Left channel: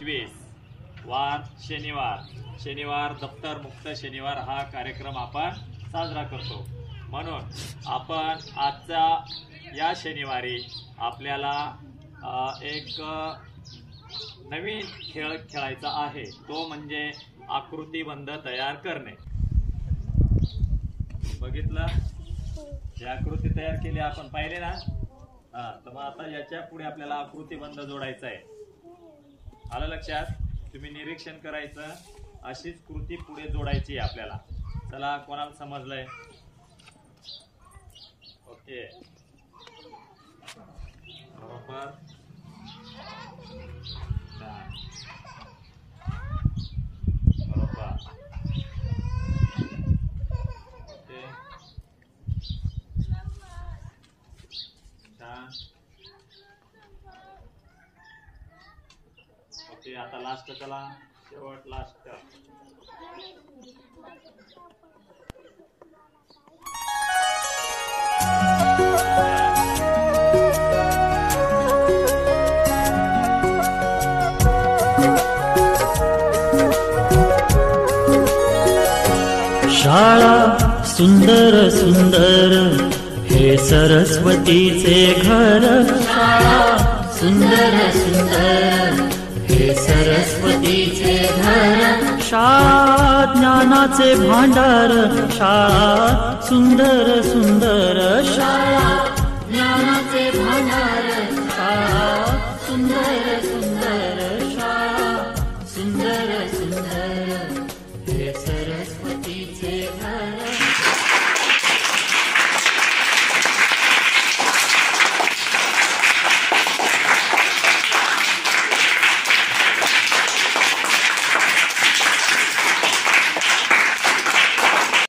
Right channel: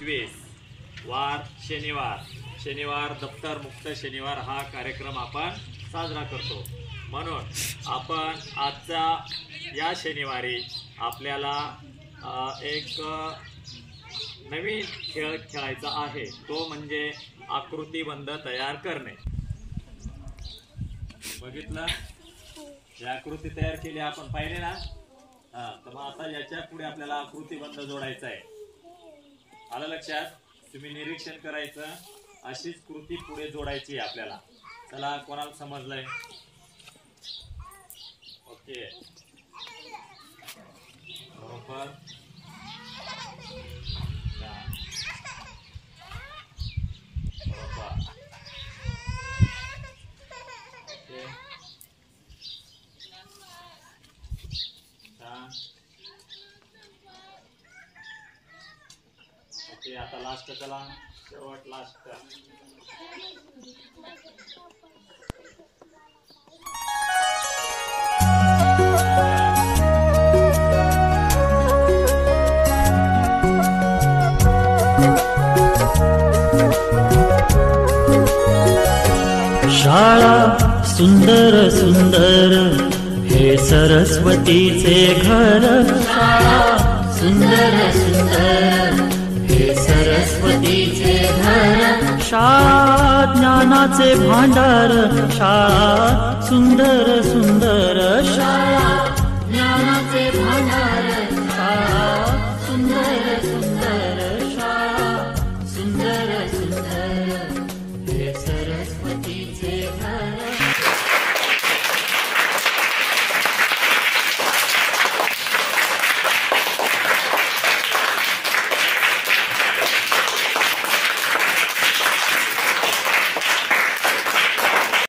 25 वार शनिवार दप्तर मुक्त शनिवार हा कार्यक्रम आपण साजरा करतो. म्हणून आपण आजच्या या शनिवारी आपल्याला एक नवीन खेळ खेळायचा आहे. तो म्हणजे आकृतिबंध तयार करणे. बघितलं, ही आकृती तयार केली आपण, पाहिले ना. तर मग आता याच्या पुढे आपल्याला आकृतिबंध जोडायचा आहे. आलं लक्षात? तुम्ही निरीक्षण करायचं, अशीच कृती पुढे जोडायची आहे आपल्याला. चला, कोणाला समजलंय? ओके, बरोबर. बरोबर. Okay, okay. आता लास्ट, चला शेवट, लास्ट. शाळा सुंदर सुंदर हे सरस्वतीचे घर. शाळा सुंदर सुंदर हे सरस्वतीचे घर. शाळा ज्ञानाचे भांडार. शाळा सुंदर सुंदर.